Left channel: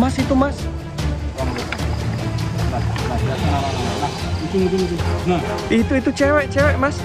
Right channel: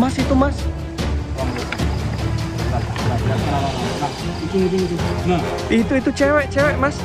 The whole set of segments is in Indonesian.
Mas itu mas. Nah, itu. Nah, Itu cewek mas.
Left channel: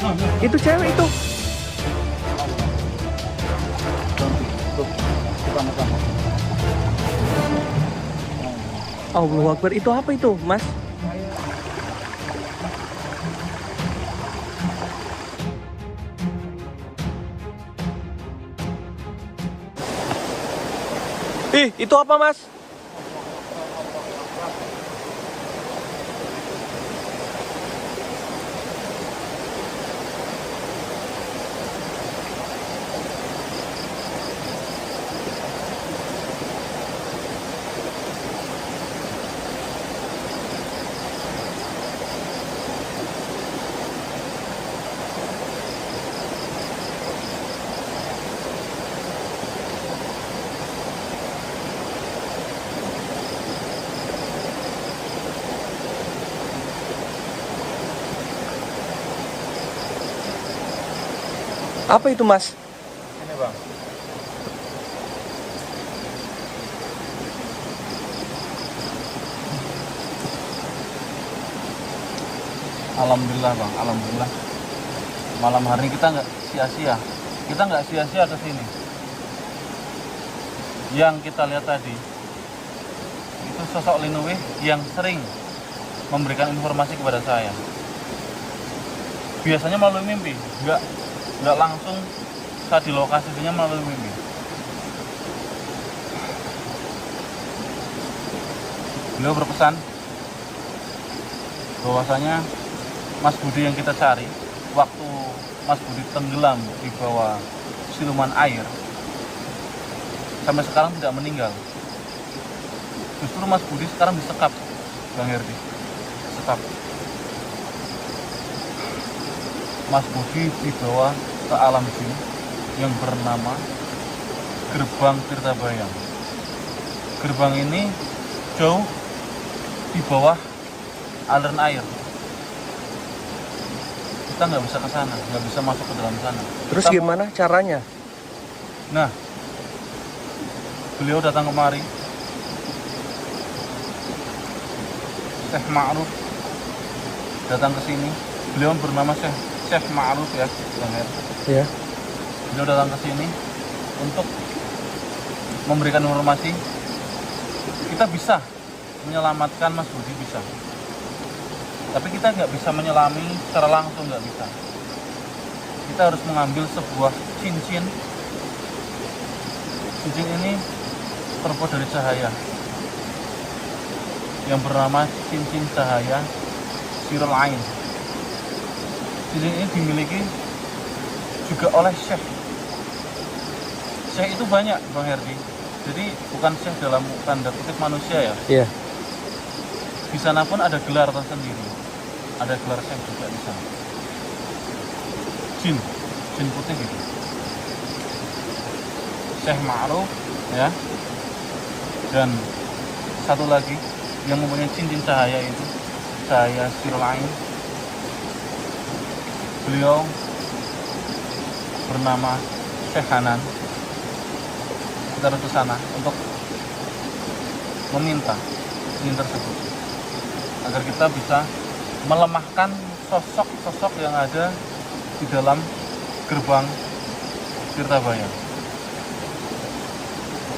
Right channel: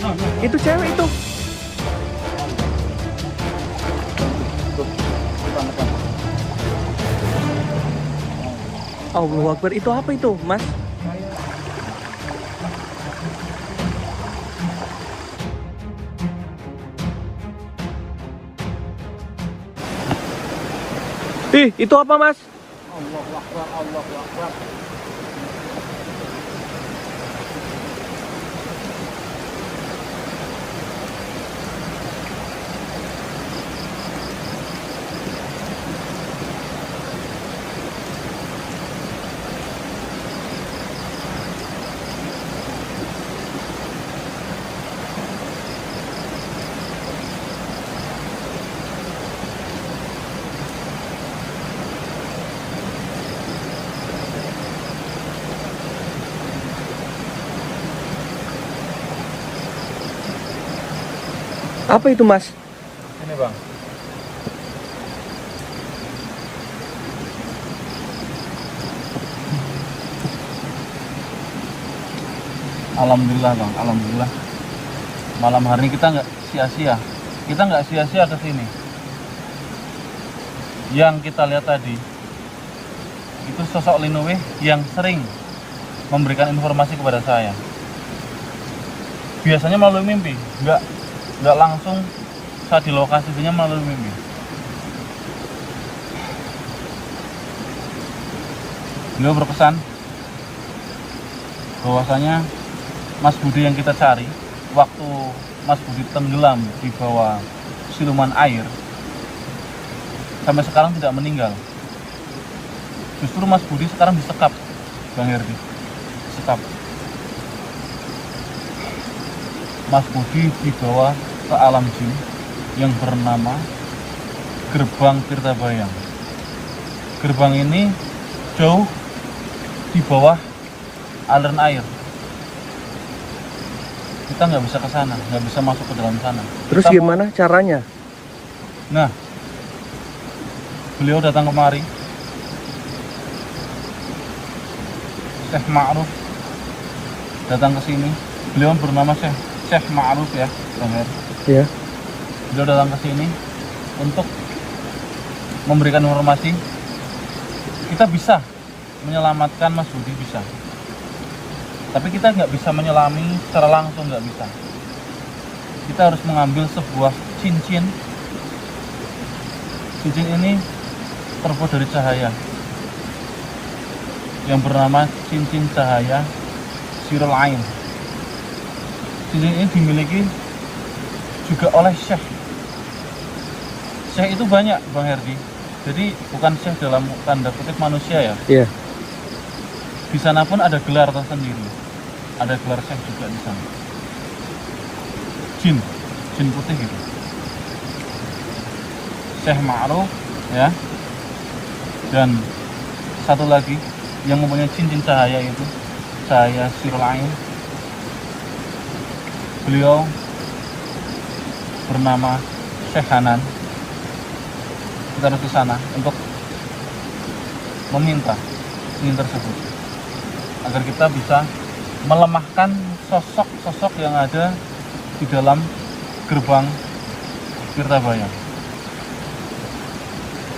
nah. Itu cewek itu. Allahu Akbar, itu apa itu mas? Ih, itu apa mas? Allahu Akbar, Allahu Akbar. Apa itu mas? Ini bang. Alhamdulillah bang, alhamdulillah. Malam hari ini kita nggak sia-sia. Kita nggak sia-sia ke sini. Yang kita lihat tadi itu sosok Linuwih yang sering memberikan informasi kepada saya. Biasanya melalui mimpi, nggak langsung saat di lokasi, biasanya melalui mimpi. Beliau berpesan bahwasanya Mas Budi yang kita cari, waktu Mas Budi tenggelam di bawah siluman air, sampai sekarang tidak meninggal. Justru Mas Budi sekarang disekap, Bang Herdi, disekap. Mas Budi dibawa ke alam jin yang bernama Gerbang Tirtabayang. Gerbang ini jauh di bawah aliran air. Kita nggak bisa ke sana, nggak bisa masuk ke dalam sana. Terus Kita gimana caranya? Nah, beliau datang kemari, Syekh Ma'ruf datang ke sini. Beliau bernama Syekh Ma'ruf ya, Bang Her. Ya. Beliau datang ke sini untuk memberikan informasi. Kita bisa menyelamatkan Mas Budi, bisa. Tapi kita nggak bisa menyelami secara langsung, nggak bisa. Kita harus mengambil sebuah cincin. Cincin ini terbuat dari cahaya yang bernama cincin cahaya Sirul Ain. Cincin ini dimiliki juga oleh Syekh. Syekh itu banyak, Bang Herdi. Jadi bukan Syekh dalam tanda kutip manusia ya. Iya. Di sana pun ada gelar tersendiri. Ada gelar Syekh juga di sana. Jin putih gitu. Syekh Ma'ruf ya. Dan satu lagi yang mempunyai cincin cahaya itu, cahaya Sirul Ain. Beliau bernama Syekh Hanan. Kita harus ke sana untuk meminta cincin tersebut agar kita bisa melemahkan sosok-sosok yang ada di dalam gerbang Tirtabayang.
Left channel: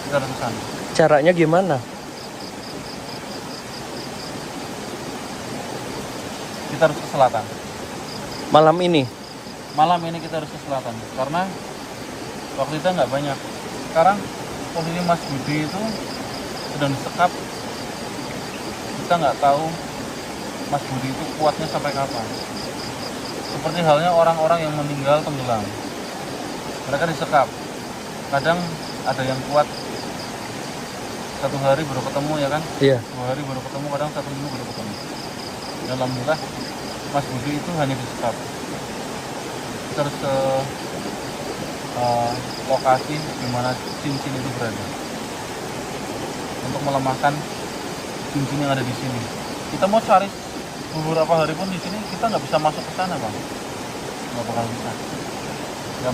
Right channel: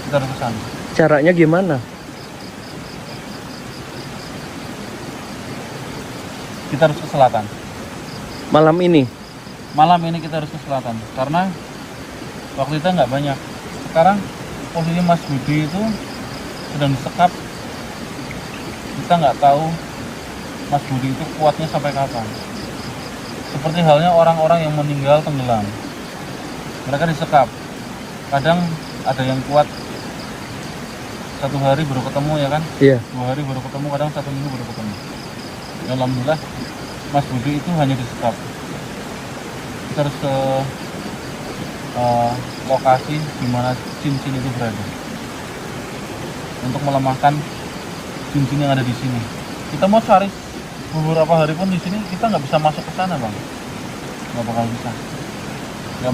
Kita harus ke sana. Caranya gimana? Kita harus ke selatan. Malam ini? Malam ini kita harus ke selatan karena waktu kita nggak banyak. Sekarang posisi Mas Budi itu sedang disekap. Kita nggak tahu Mas Budi itu kuatnya sampai kapan. Seperti halnya orang-orang yang meninggal tenggelam, mereka disekap. Kadang ada yang kuat 1 hari baru ketemu ya kan, Iya. 2 hari baru ketemu, kadang 1 minggu baru ketemu. Ya, alhamdulillah Mas Budi itu hanya disekap. Kita harus ke lokasi di mana cincin itu berada untuk melemahkan cincin yang ada di sini. Kita mau cari beberapa hari pun di sini, kita nggak bisa masuk ke sana, Bang. Nggak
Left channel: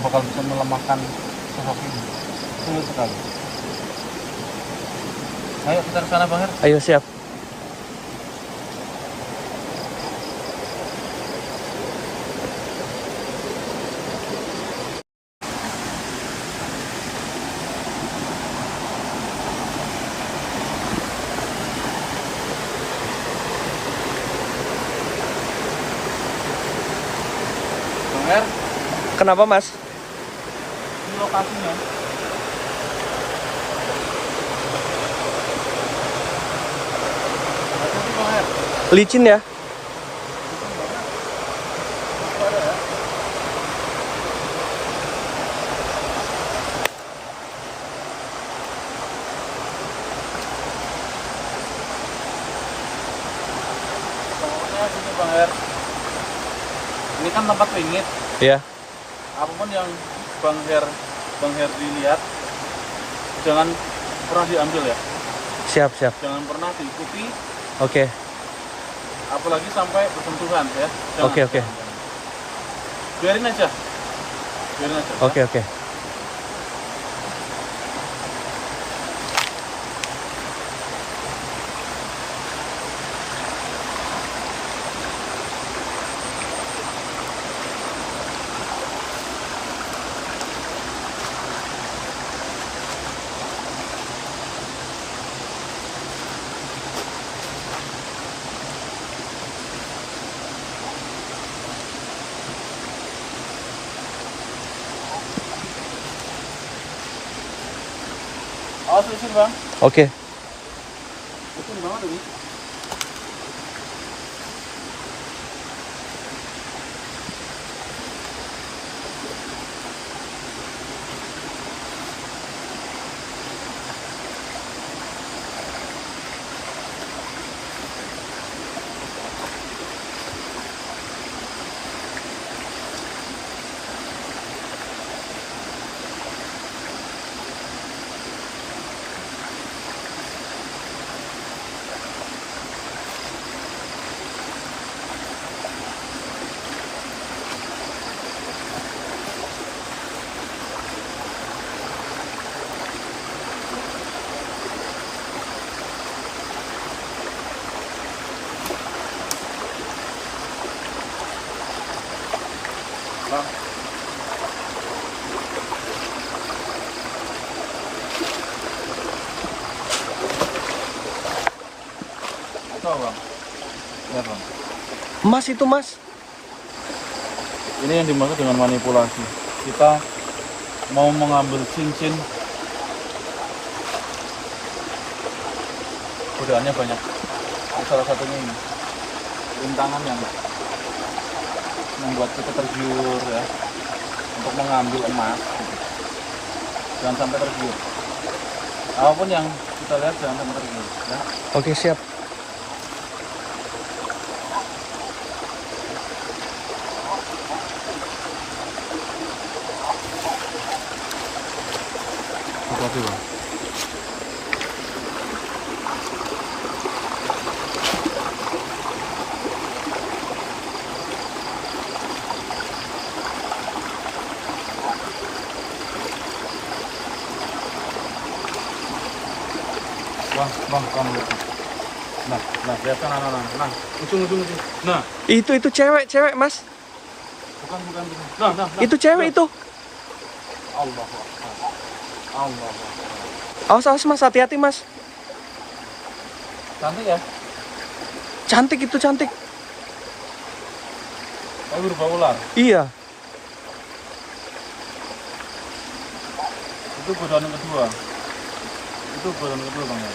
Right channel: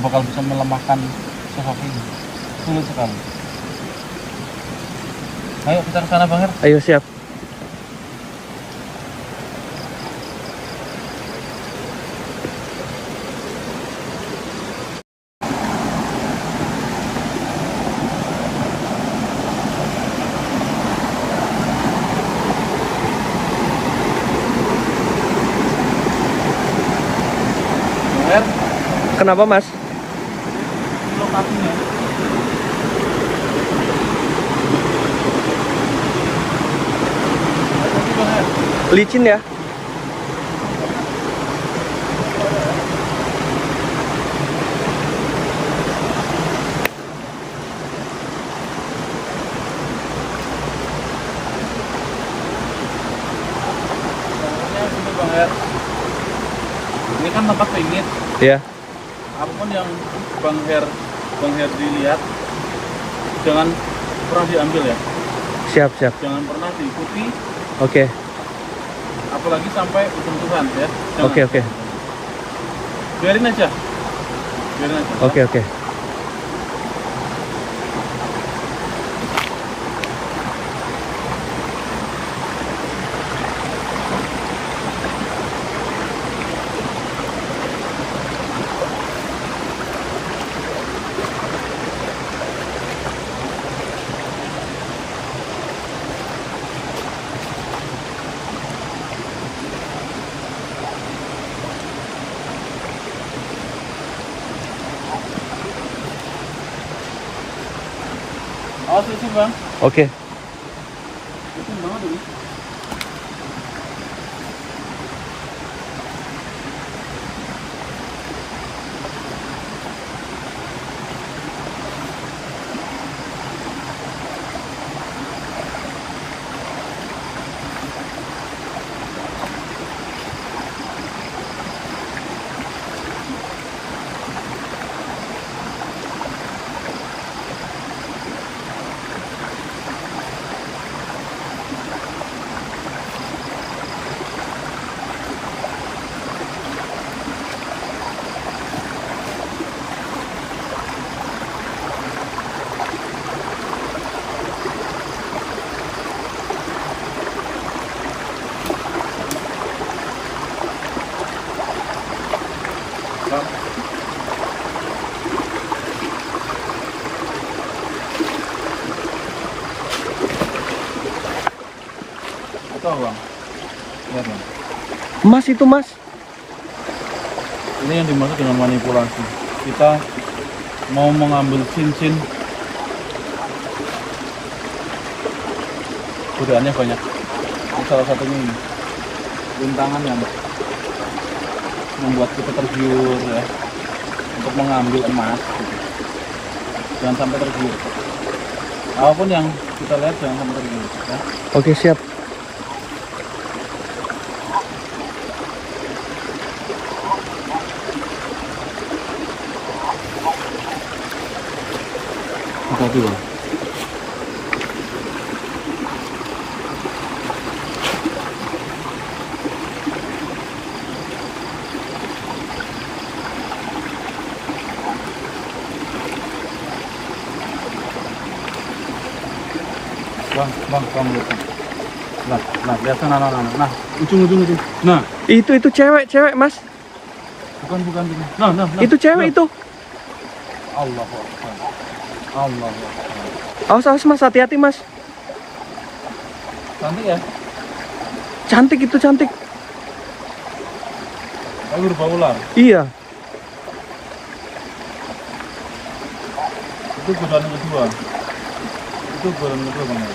bakal bisa melemahkan sosok ini. Sulit sekali. Ayo kita ke sana Bang Her. Ayo siap. Bang Her, Kenapa Mas? ini lokasinya. Hati-hati Bang Her. Licin ya? Pokoknya ini Bang Her. Ini kan tempat pingit. Iya. Apapun yang Bang Her dilihat, jangan pernah diambil ya. Siap, siap. Jangan pernah diikuti, Oke. apalagi sampai bersentuhan ya. Jangan. Oke, oke. Biarin aja. Biarin aja. ya. Oke, oke. Awas licin Bang. Oke. Licin banget ini. Bang. Betul Bang. Lihat Bang. Mas itu Mas. Ini yang dimaksud dengan manipulasi. Kita mau mengambil cincin. Godaannya banyak. Ini salah satunya ini. Rintangan yang membuat kita tergiur ya untuk mengambil emas gitu. Jangan sampai tergiur. Apapun yang kita lihat jangan sampai tergiur ya. Oke, siap. Hati-hati Bang. Bang, kamu lihat. Nah, lihat nah, ujung itu. Nah, Itu cewek, Mas. bukan. Nah. Itu cewek itu. Allah. Awas, awas Mas, hati-hati Mas. Cantik ya? Cantik itu, cantik. Tapi berbau ular. Iya. Itu godaan kedua. Bang ya.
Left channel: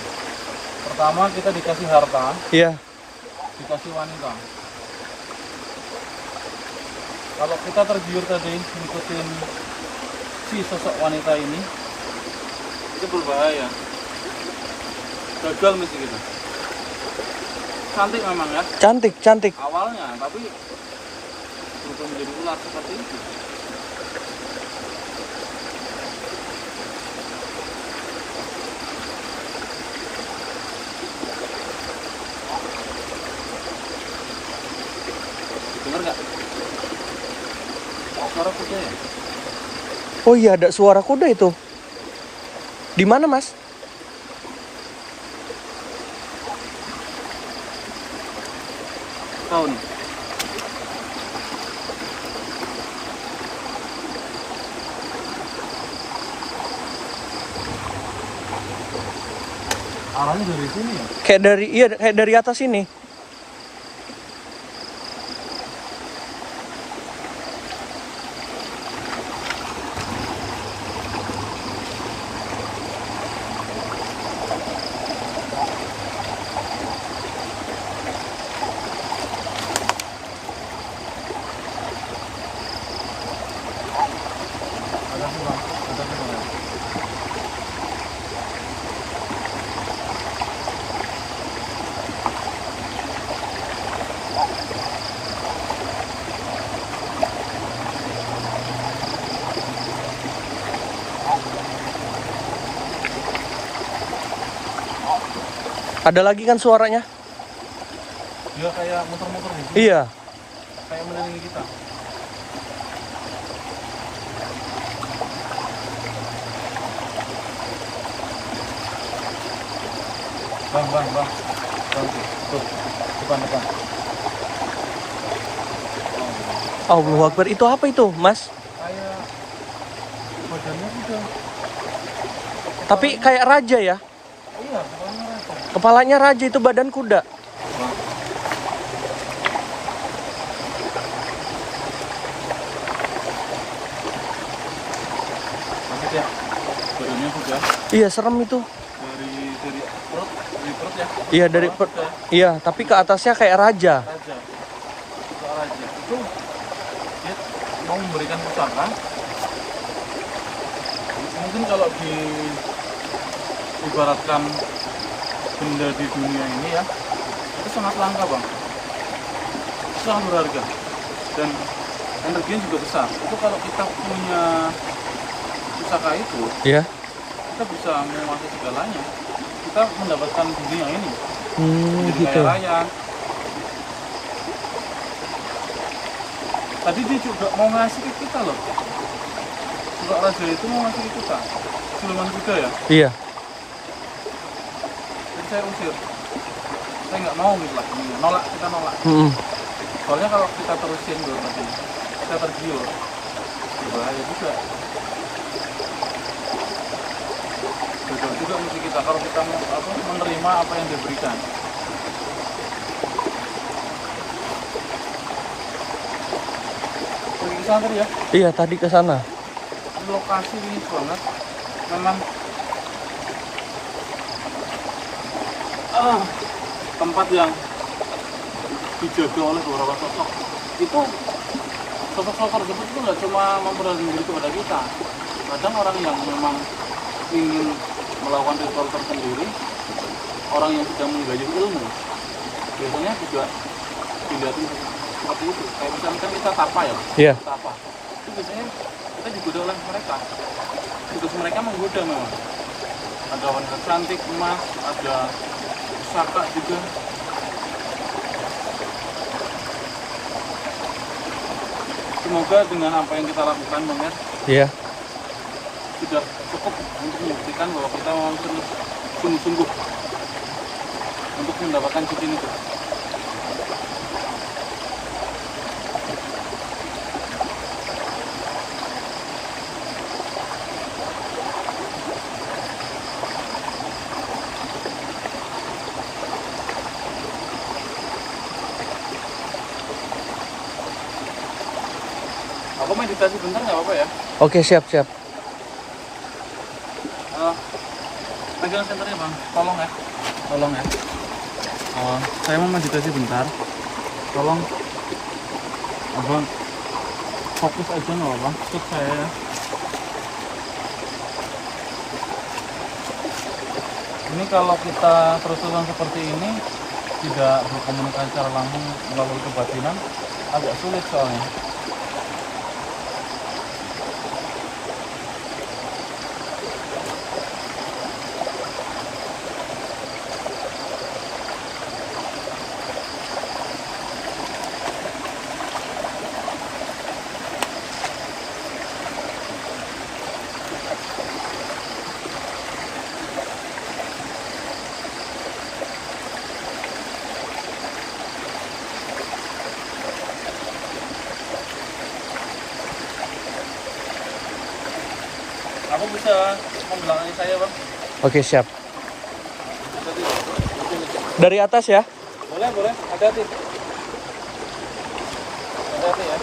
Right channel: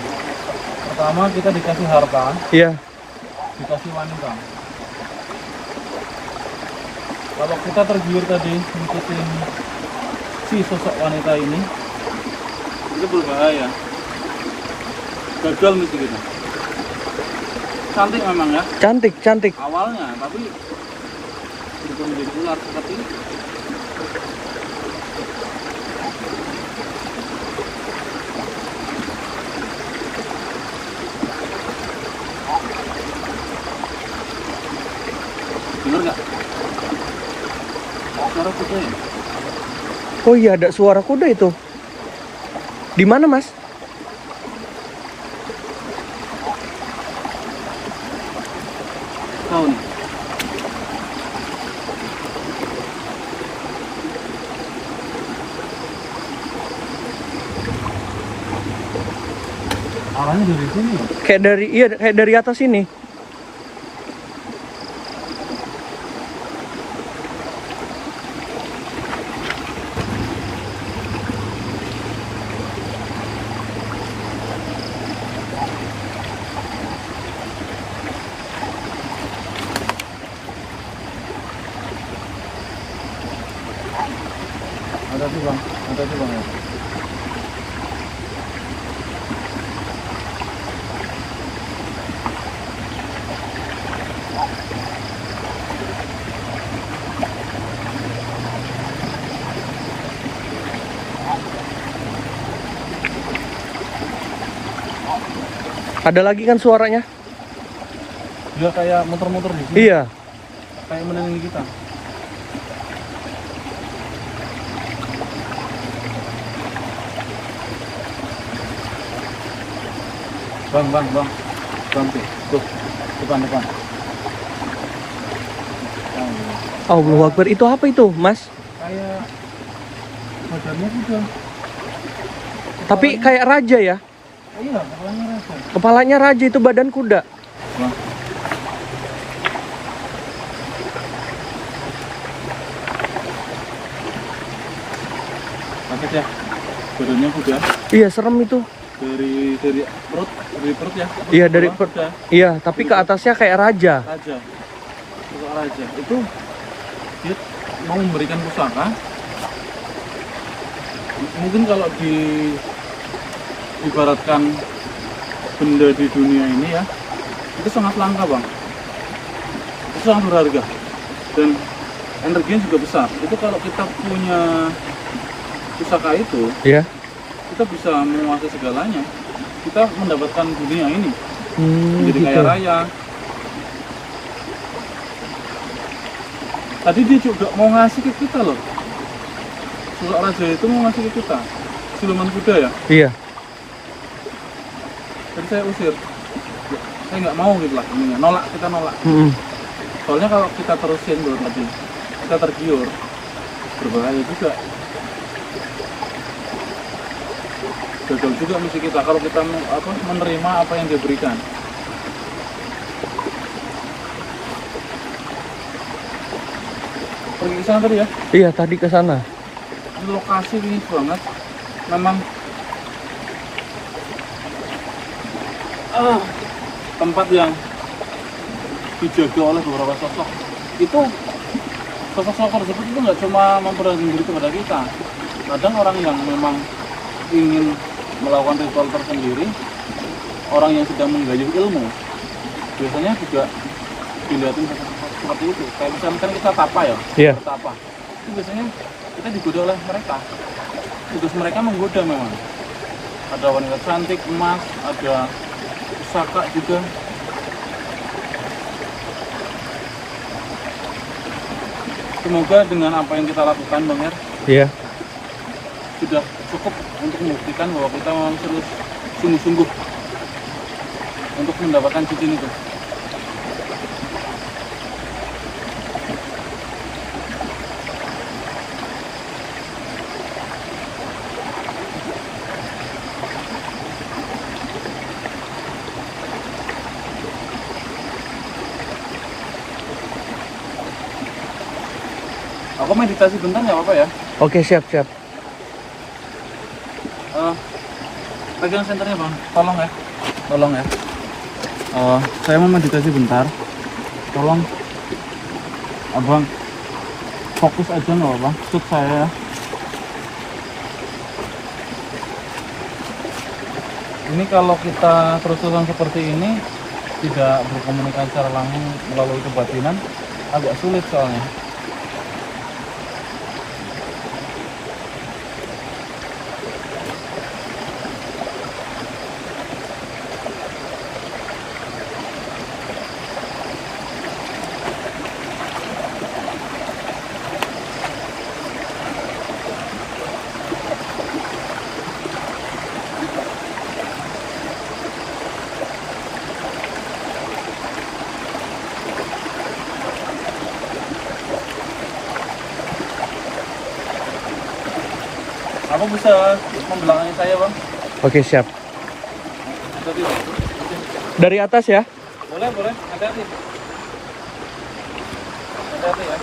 Pertama kita dikasih harta, Iya. dikasih wanita. Kalau kita tergiur tadi ngikutin si sosok wanita ini, itu berbahaya. Gagal misi kita. Cantik memang ya Cantik. awalnya, tapi berubah menjadi ular seperti itu. Dengar nggak? Suara kuda ya? Oh iya, ada suara kuda itu. Di mana Mas? tahu nih. Arahnya dari sini ya? Kayak dari atas ini. Ada sih bang, ya. Ada lagi kan suaranya? Dia kayak muter-muter di sini. Iya. Kayak melilingi kita. Bang tuh, depan. Oh, Allahu Akbar. Itu apa itu, Mas? kayak badannya kuda. Tapi kayak raja ya? Iya, kepalanya raja. Kepalanya raja, itu badan kuda. Bang. Sakit ya? Badannya kuda. Iya, serem itu. Dari perut ya? Iya, dari bawah kuda. Iya, tapi ke atasnya kayak raja. Raja. Itu dia mau memberikan pusaka. Mungkin kalau ibaratkan benda di dunia ini ya, itu sangat langka bang, itu sangat berharga dan energinya juga besar. Itu kalau kita punya pusaka itu, Iya. kita bisa menguasai segalanya. Kita mendapatkan dunia ini jadi Gitu. kaya raya. Tadi dia juga mau ngasih ke kita loh, pusaka raja itu mau ngasih ke kita siluman kuda ya. Iya. Jadi saya usir, saya nggak mau gitu lah intinya. Kita nolak. Soalnya kalau kita terusin dulu tadi, kita tergiur, berbahaya juga. Gagal juga misi kita kalau kita menerima apa yang dia berikan. Pergi ke sana tadi ya? Iya, tadi ke sana. Di lokasi ini banget, memang tempat yang dijaga oleh beberapa sosok. Itu sosok-sosok tersebut itu nggak cuma memperlihatkan diri kepada kita. Kadang orang yang memang ingin melakukan ritual tersendiri, orang yang sedang menggayuh ilmu, biasanya juga dilihatin seperti itu. Kayak misalnya kan kita tapa ya, Iya. tapa. Itu biasanya kita digoda oleh mereka. Tugas mereka menggoda memang. Ada wanita cantik, emas, ada pusaka juga. Semoga dengan apa yang kita lakukan Bang Er, Iya. sudah cukup untuk membuktikan bahwa kita memang terus sungguh-sungguh untuk mendapatkan cincin itu. Aku meditasi bentar nggak apa-apa ya? Oke, siap. Pegang senternya Bang, tolong ya. Saya mau meditasi bentar. Tolong Abang fokus aja nggak apa-apa, ikut saya ya. Ini kalau kita terus-terusan seperti ini, tidak berkomunikasi secara langsung melalui kebatinan, agak sulit soalnya. Aku bisa membelakangi saya, Bang. Oke, siap. Hati-hati, Bang. Dari atas ya? Boleh, boleh. Hati-hati. Hati-hati ya.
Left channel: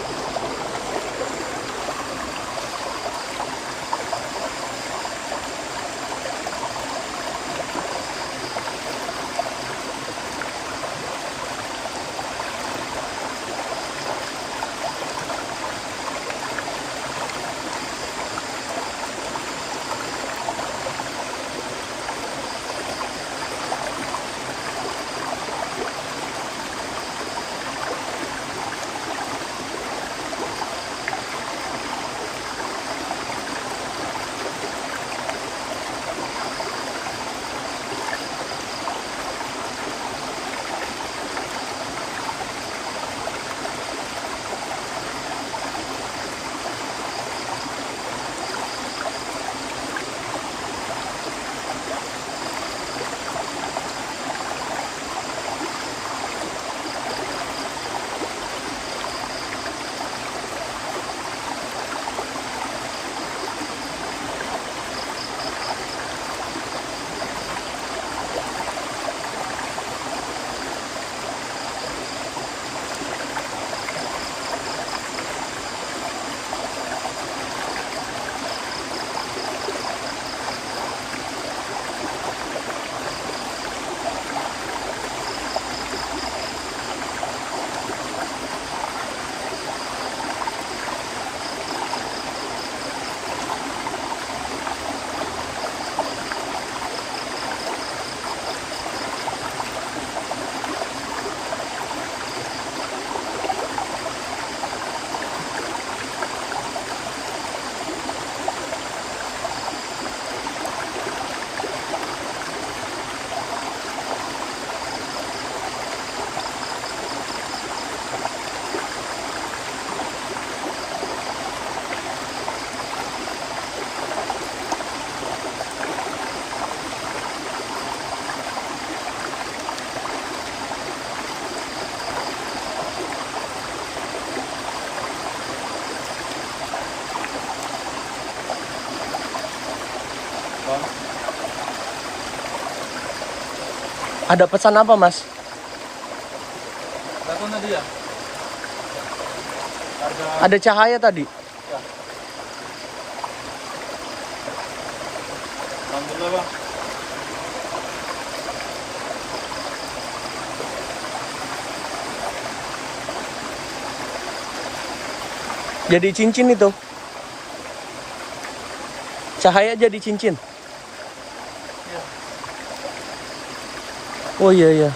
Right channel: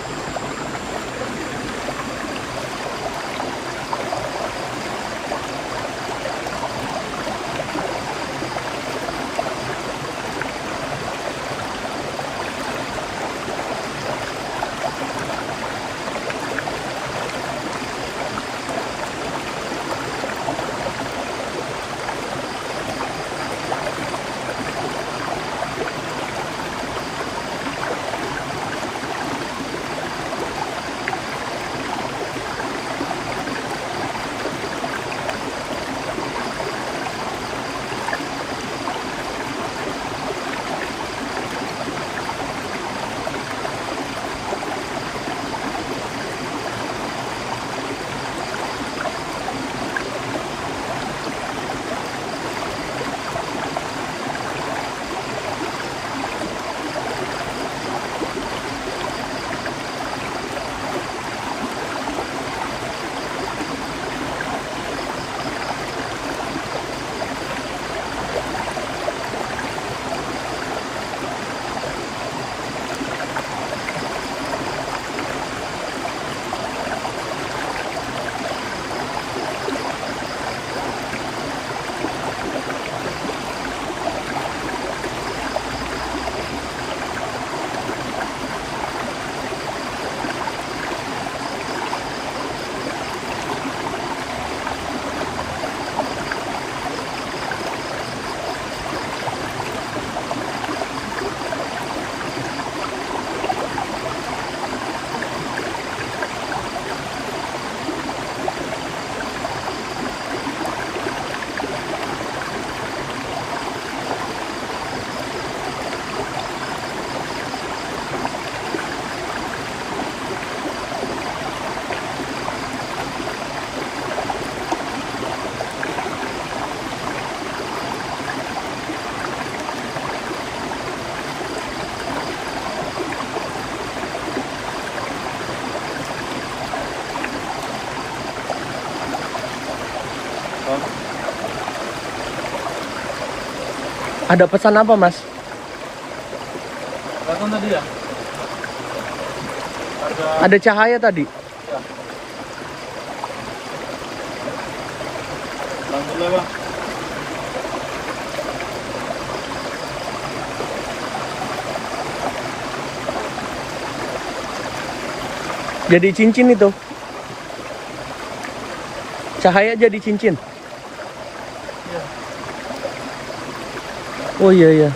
Ada pesan apa, Mas? Datang tadi ya? Ada cahaya tadi. Ya. Alhamdulillah, Bang. Jadi cincin itu. Cahaya jadi cincin. Iya. Oh iya iya.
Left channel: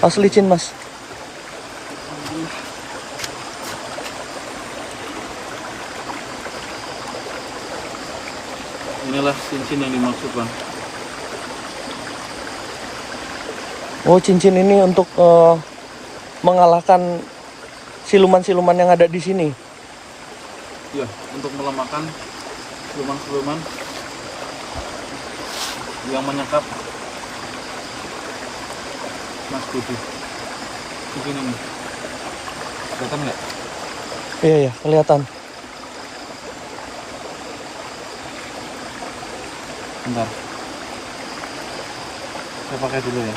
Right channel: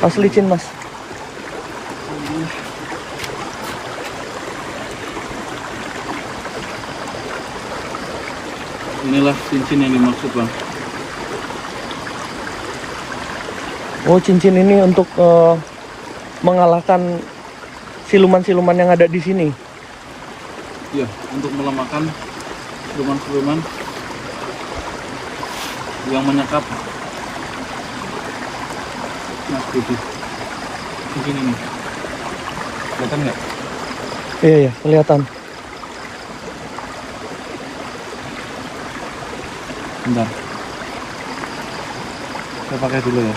Asli licin, Mas. Inilah cincin yang dimaksud, Bang. Oh, cincin ini untuk mengalahkan siluman-siluman yang ada di sini. Ya, untuk melemahkan siluman-siluman yang menyekap Mas Budi. Cincin ini. Kelihatan nggak? Iya iya, kelihatan. Bentar. Saya pakai dulu ya.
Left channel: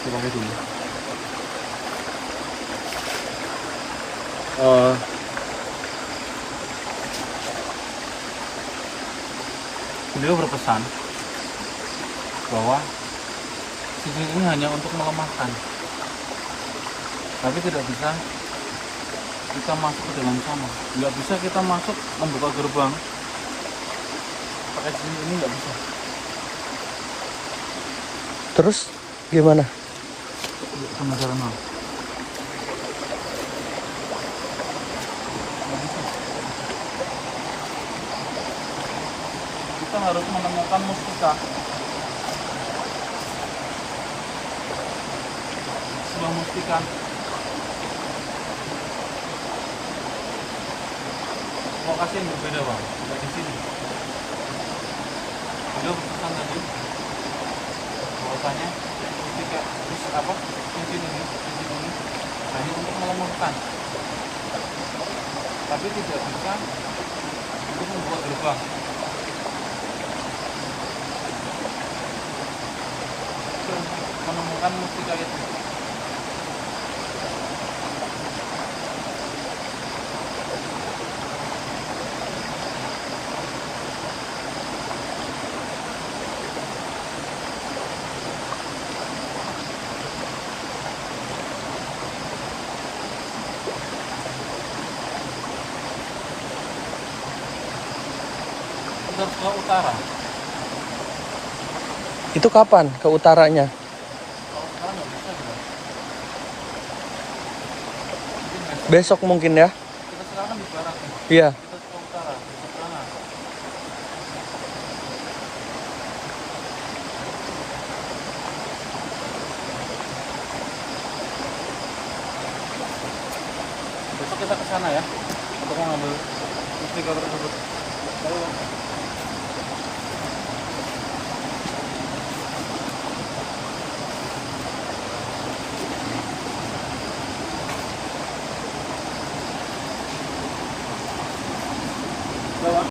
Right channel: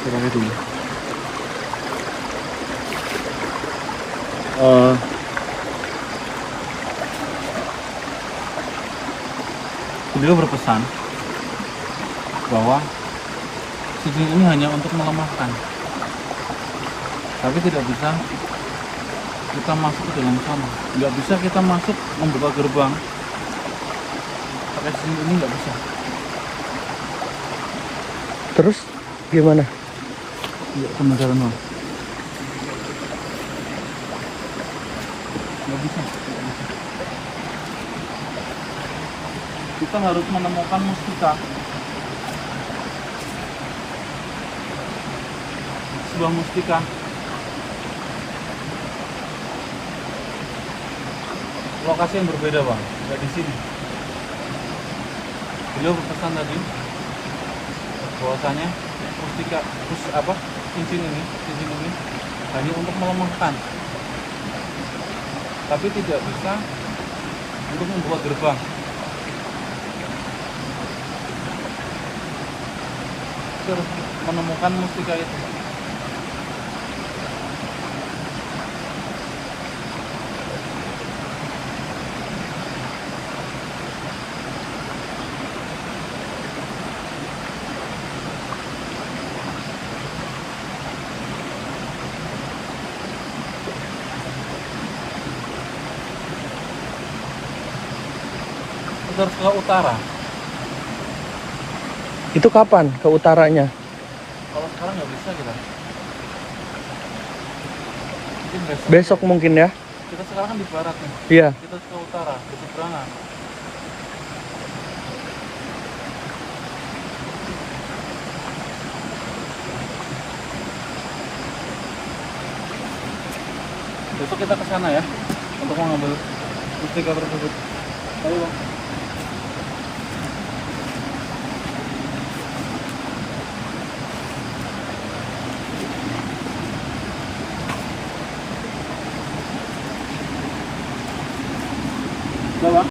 Saya pakai dulu. Beliau berpesan bahwa cincin ini hanya untuk melemahkan, tapi tidak bisa kita masuk ke dalam sana. Nggak bisa kita masuk membuka gerbang pakai cincin ini, nggak bisa. Terus gimana? Penasaran, Bang? Nggak bisa. Kita harus menemukan mustika, sebuah mustika lokasi yang berbeda, Bang, nggak di sini. Beliau berpesan tadi bahwasanya mustika cincin ini hanya untuk melemahkan, tapi tidak bisa untuk membuat gerbang. Kita harus menemukan mustika itu. Kita harus ke utara. Itu kapan ke utaranya? Kalau sekarang nggak bisa kita. Mungkin besok. Besok mungkin ya? Kita sekarang kan di barat nih. Iya. Kita ke utara, ke seberangan. Besok kita ke sana ya untuk mengambil mustika tersebut. Ayo, Bang.